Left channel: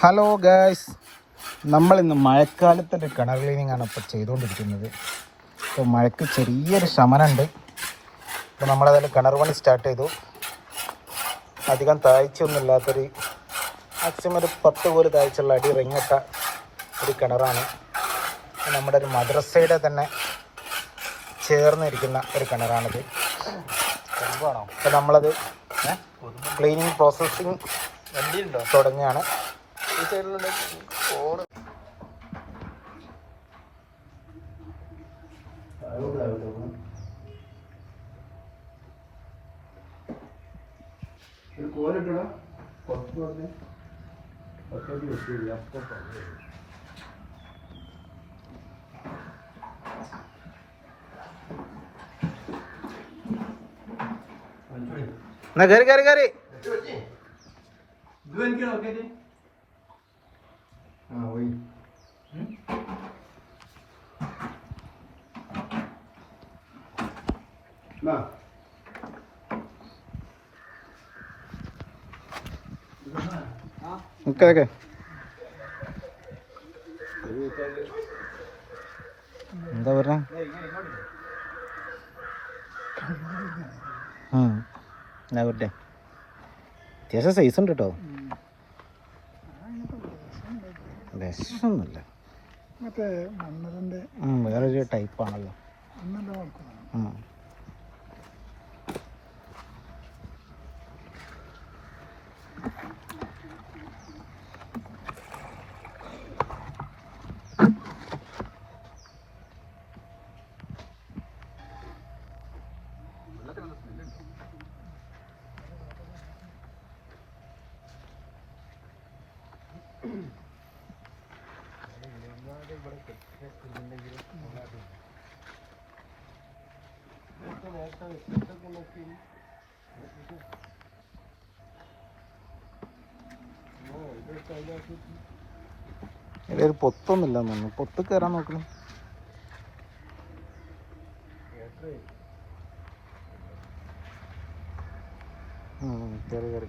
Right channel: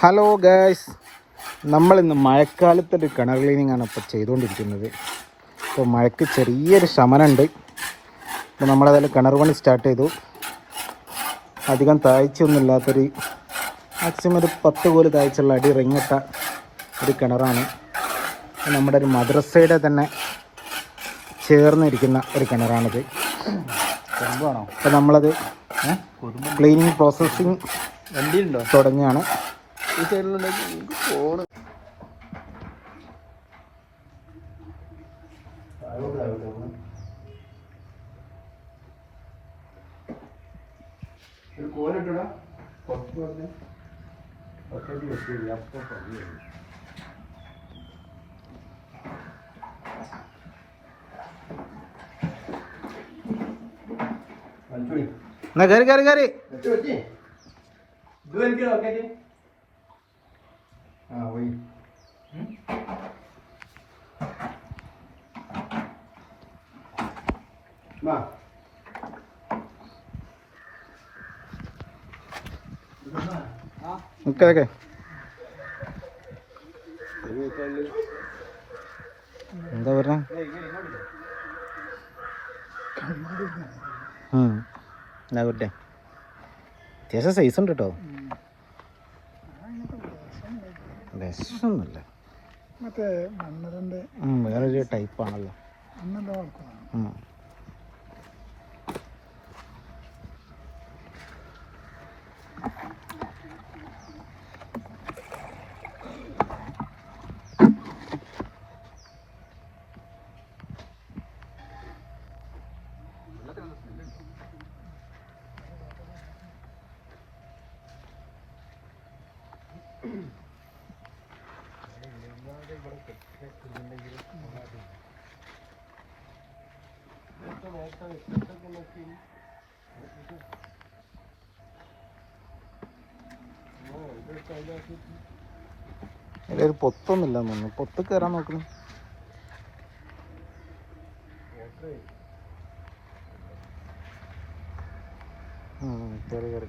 Hello guys നമ്മളിന്ന് മഴക്കാലത്ത് ഒരു കിണർ ക്ലീനിങ് ആണ് ഇപ്പോൾ ചെയ്തുകൊണ്ടിരിക്കുന്നത് ഇപ്പോൾ മഴയ്ക്ക് ചെറിയൊരു ശമനമുണ്ട് അപ്പോൾ നമ്മളതിൽ കിണർ പണി സ്റ്റാർട്ട് ചെയ്തു. അധികം താഴ്ചയൊന്നും ഇല്ലാത്തൊരു മാക്സിമം ഒരു പത്ത് പോലെ താഴ്ചയുള്ള അടി റിങ്ങിട്ട ഒരു കിണറാണ്. നമ്മുടെ ഒരു മദ്രസയുടെ തന്നെ ചേർന്നിരിക്കുന്ന ഒരു കിണറാണിത്. അപ്പോൾ നമ്മളത് ക്ലീനിങ് പ്രോസസ്സിങ് തുടങ്ങിയാണ് ഈ സൈഡിലുണ്ടെങ്കിൽ ഫോണ് ഒരു കോലിട്ടടാ പുറത്ത് വന്ന് ഒറ്റയ്ക്ക് വെച്ചില്ല അപ്പോൾ പറഞ്ഞു എന്നാ കയറി കയറി കയറി ഇത് എനിക്ക് നോക്കിയിട്ട് ആ പോയി. Okay okay. എന്താ പറഞ്ഞേ? എന്നാ വരട്ടെ അത്യാവശ്യം സൈസ് ഉണ്ട്? കേട്ടോ വിഷമൊന്നുമില്ല മറ്റേ മണ്ണതിന്റെ ഉം, വേറൊരു ടൈപ്പാണല്ലോ ഉം. ഒരു പൊത്തൊന്നുമില്ല നിങ്ങൾ പൊട്ടി കയറാൻ നോക്കണം. കയറി കയറി